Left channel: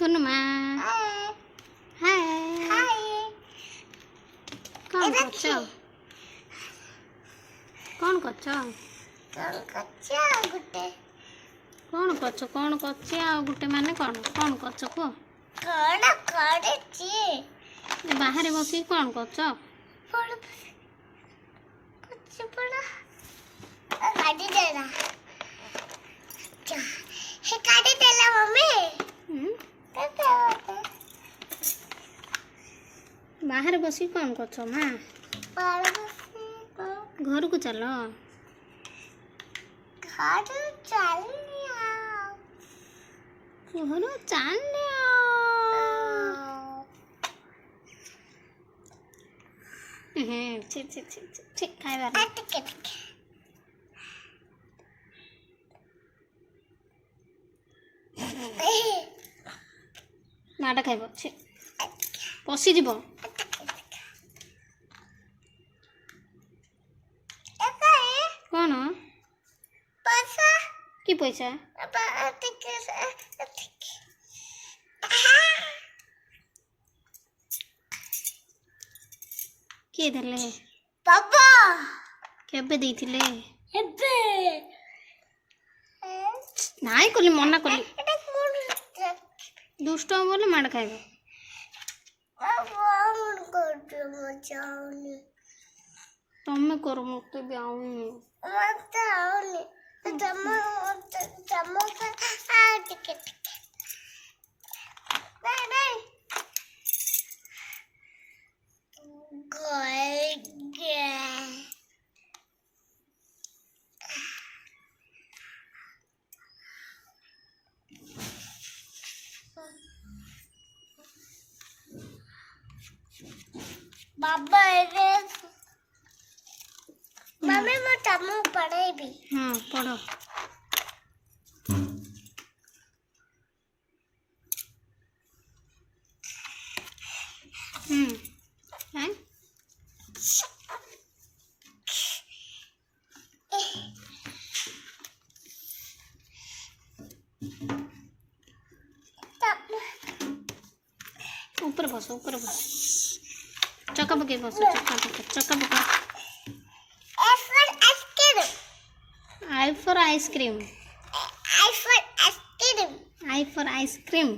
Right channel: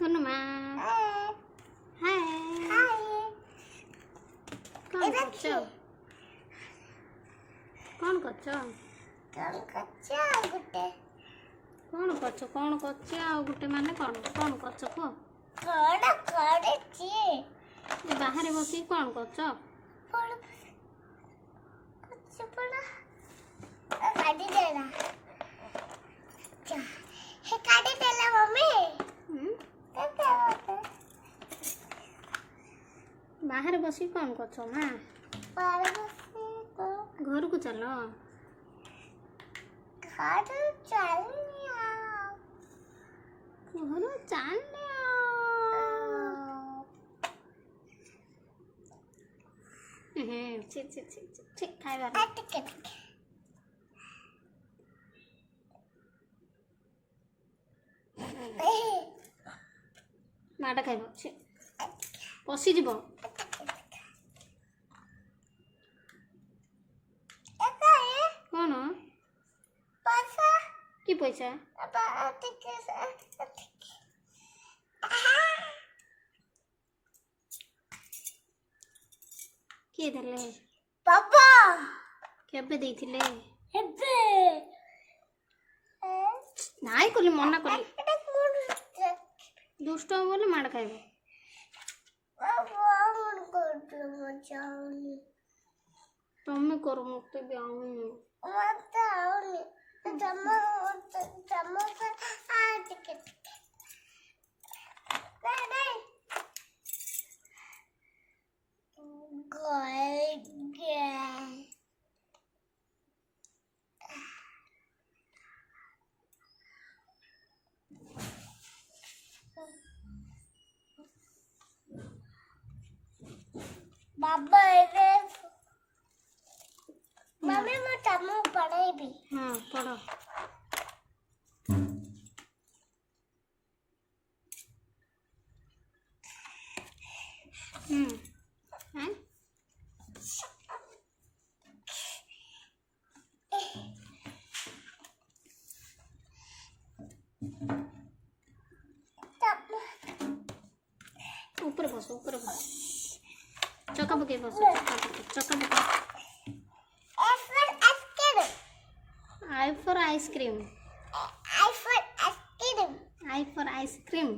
गुनुमा हाय कौन करछो कौन करछो गुटे कौन करछो कौन करछे आ गुटे माने कौन कौन करछो को कौन करछी बाहर बसी कौन करछो पड़ कुछ पड़ा गाड़ी देना हे गाड़ी देला मम्मी बाहर बसी कौन करछो मां घर को चलो घर चलिया घर चलिया छी छी छी छी खाइबा माडा खाइबो छी पसी जीवो कौन पैसा की पैसा किए देले पापा केबे देथिले हेबे नाइ कोली मना कोली दुष्ट बोले माड खाइबो तमे करो मते भी आउनी मते आउनी तमे टिकट नहीं गए बाबा रे मम्मी मैं तमु पढ़े भी हां पढ़ो हैं ऊपर बस चक्का पके बस चक्का पके I for ice cream I for ice cream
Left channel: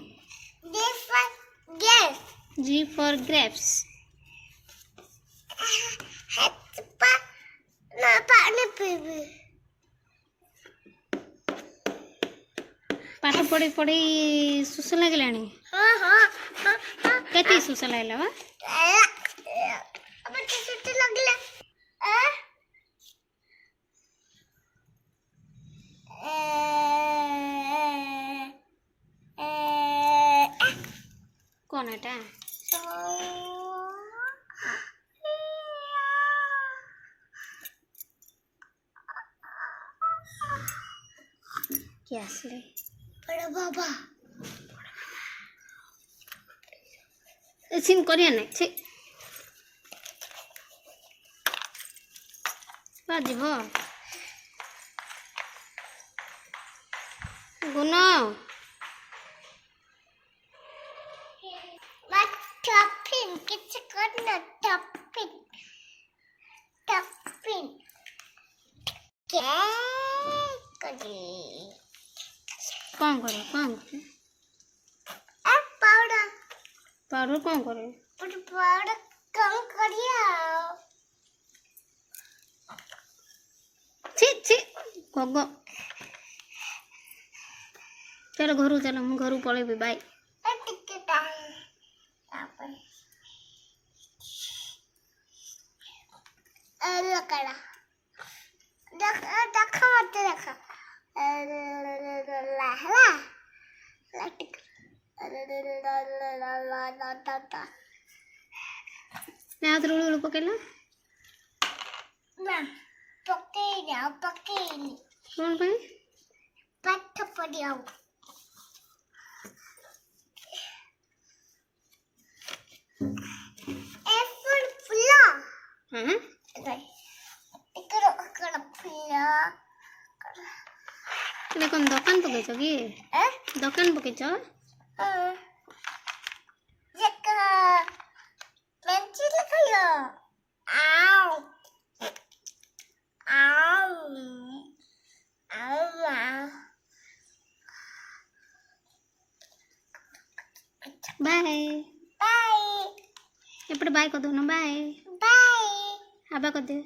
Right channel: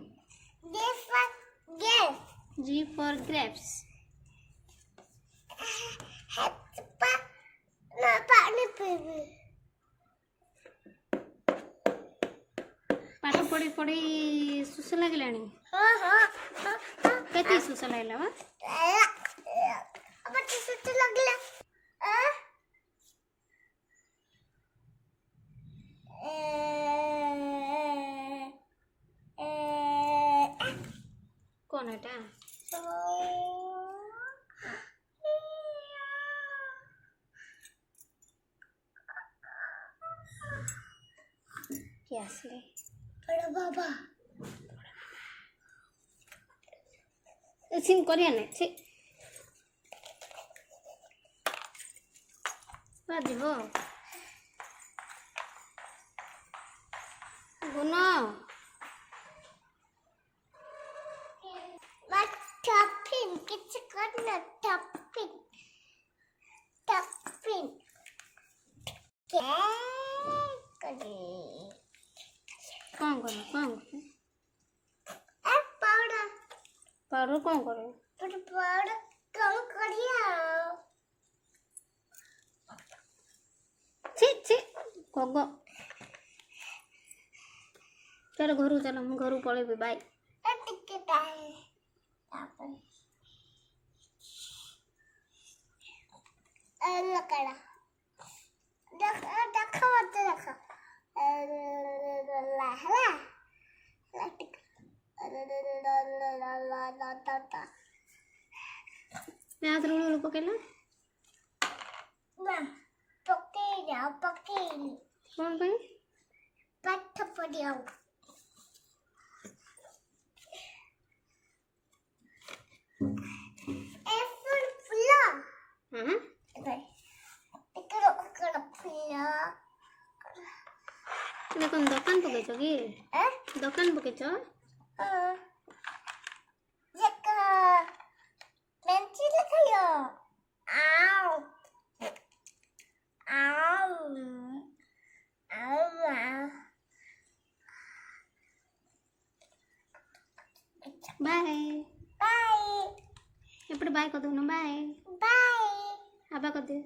G for grapes पानी पीबी पाठ पढ़ी पढ़ी सुस लगलानी हाँ हाँ हाँ हाँ केती सुस लागला बा अब छुट्टी लगले कौन एटा क्या असले बड़ा बाबा सिन करिया नै छी बाजिबो गुना बात टॉपिंग किछ करना टॉपिंग क्या करे कौन करे पाउडर पाउडर कौन करे पाउडर कम करिया छी गगो चलो घर चलो हम घर पळेबी बाय टिकट आहे आपण लकडा देखा मत देखा ला टिकट मैं हाथ रोल पकेला ना पकेनी कौन भाई पाठ पढ़ियाओ एप्पल फुला हां इकड़ फुला ले कौन दुकान पकेछ की दुकान पकेछ బాయ్. ఇప్పుడు బాయ్ కొద్దు బాయ్. అబ్బా కొద్ది.